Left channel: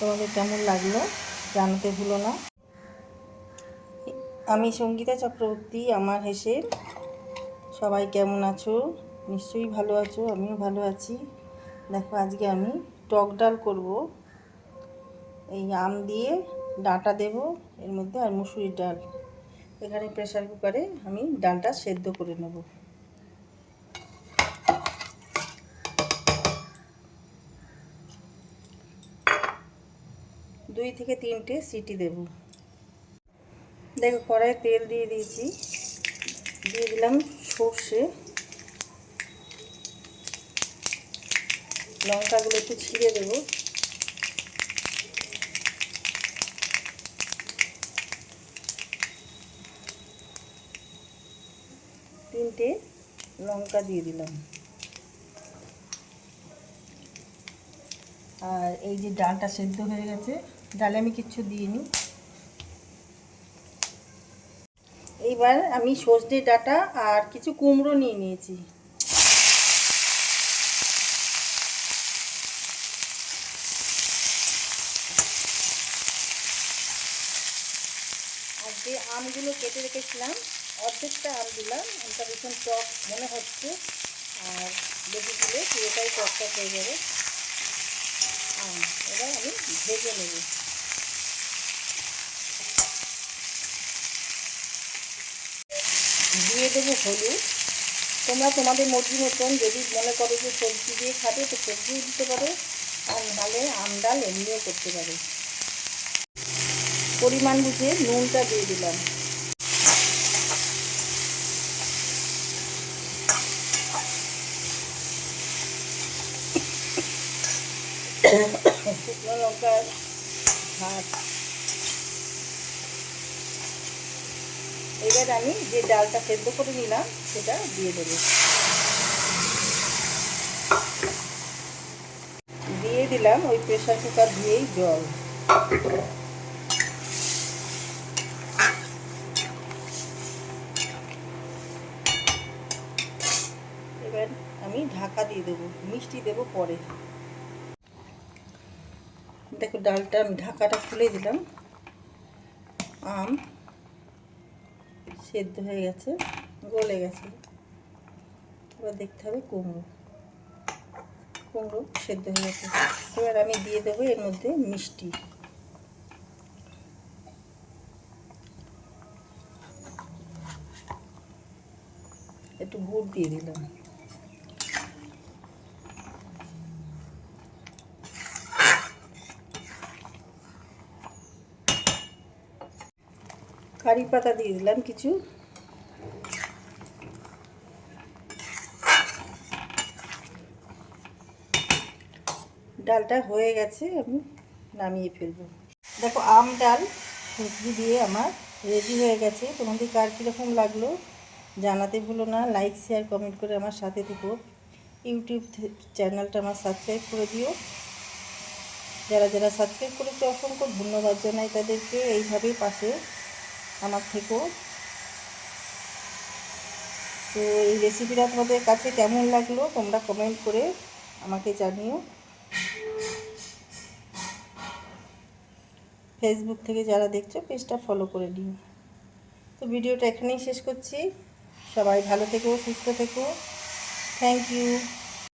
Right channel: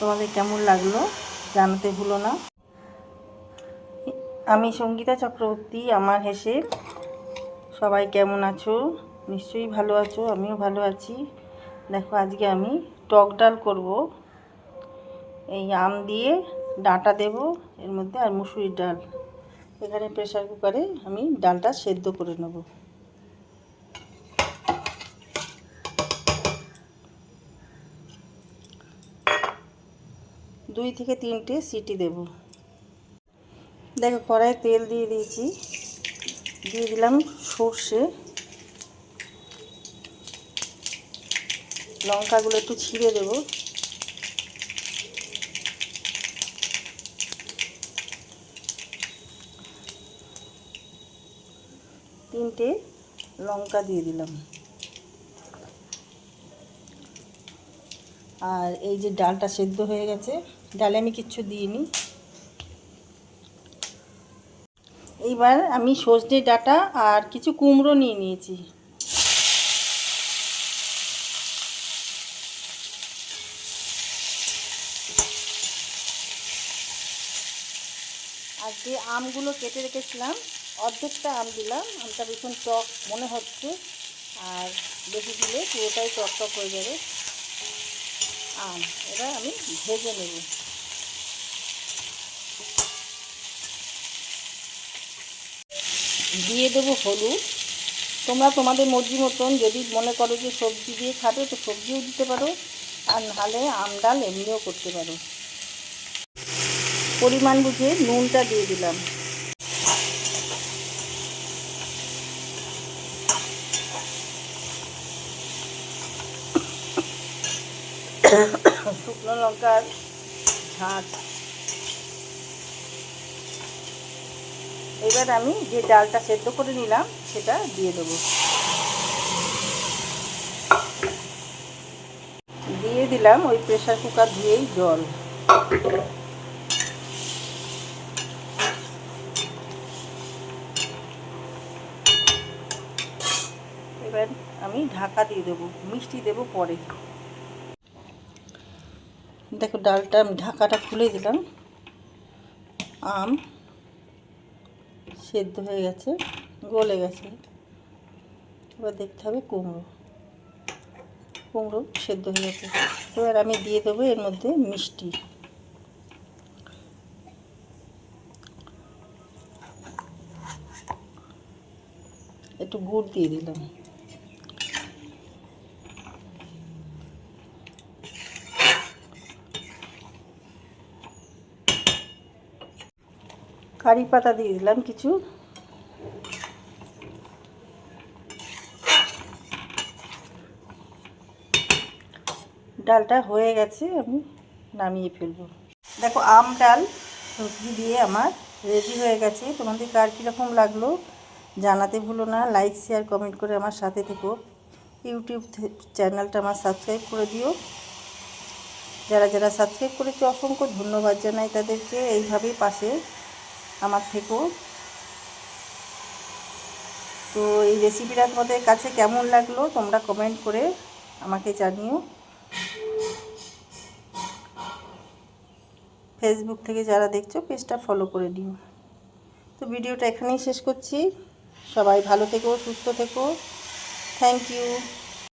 তোমাদের কেমন লাগলো জানাতে ভুলো না। আমি সঙ্গীতা চক্রবর্তী, আমার হেসে। সবাই কেমন আছো? নিশ্চয়ই ভালো আছো, আমিও ভালো আছি। দেখো আজকে আমি টক ডাল করব। এই আম দিয়ে ডাঁটা দেব এর মধ্যে, আর মুসুরির ডাল। এখানে প্রেসার কুকারে আমি ডালটা সেদ্ধ করে নেব। দুই থেকে তিনটে সিটি দেব। দেখো কড়াইয়ে তেল দিয়ে দিয়েছি, দিয়ে দিলাম সর্ষে। লঙ্কাগুলো একটু ছিঁড়ে দেব। তিনটে লঙ্কা দিয়ে দিলাম। আর এই যে ডালটা সেদ্ধ হয়ে গেছে, ডালে আমি কিচ্ছু দিইনি। এইবার আমি সজনে ডাঁটা আর কিছু কুমড়ো নিয়ে নিয়েছি। আর যে আমগুলো কেটে রেখেছিলাম, অর্ধেকটা আম দিলাম। আমটা ভীষণ টক মনে হচ্ছে, আর বেশি দিলে পুরোটাই টক টক হয়ে যাবে আম। এবার আমি ভেজে নেব। দিয়ে দেবো হলুদ। তোমরা তোমাদের মর্জি মতন যদি মনে করো যে সবজি দিয়ে খাবে তো সবজিও দিতে পারো, আর নাহলে আম ডাল এমনিও করতে পারো। পরিমাণ বুঝে নুনটা দিয়ে দিলাম। শুকনো লঙ্কার ঝাঁজ। এবার আমি যে ডালটা সেদ্ধ করে নিলাম সেটা দিয়ে দেবো। দিয়ে দিলাম ওই প্রেসার কুকার ধুয়েই জল। এবার আমি ঢাকা দিয়ে দেবো, মিষ্টি দেবো পরে। দেখো ডালটা আমি ঢাকাটা খুলে দিলাম। আম সেদ্ধ হয়ে গেছে, গলে গেছে। এবার দেখতে হবে কুমড়ো সেদ্ধ হয়ে গেছে। এবার আমি দিয়ে দেবো এর মধ্যে মিষ্টি। একটু গুড় দিয়ে দিলাম। কারি পাতা দিয়ে দিলাম কিছু। ডালটা হয়ে গেছে, আমি নামিয়ে ফেলবো। দেখো আম ডাল সবজি দিয়ে আমার রেডি হয়ে গেছে। তোমাদের কার কীরকম লাগলো জানাতে ভুলো না। লাইক শেয়ার কমেন্ট করে আমার সাথে থেকো। ইউটিউব চ্যানেলটা আমার সাবস্ক্রাইব করে দিও। যারা যারা সাবস্ক্রাইব করেছে অসংখ্য ধন্যবাদ জানাই তাদেরকে। এইভাবেই পাশে আমার থেকো। তো এই রেসিপিটা তোমাদের কাছে কেমন লাগলো তোমরা কমেন্ট করে আমাকে জানিও। ফেসবুক থেকে যারা দেখছো পেজটা ফলো করে দিও। তো ভিডিওটা এখানেই শেষ করছি। সবাই ভালো থেকো, সুস্থ থেকো। Thank you.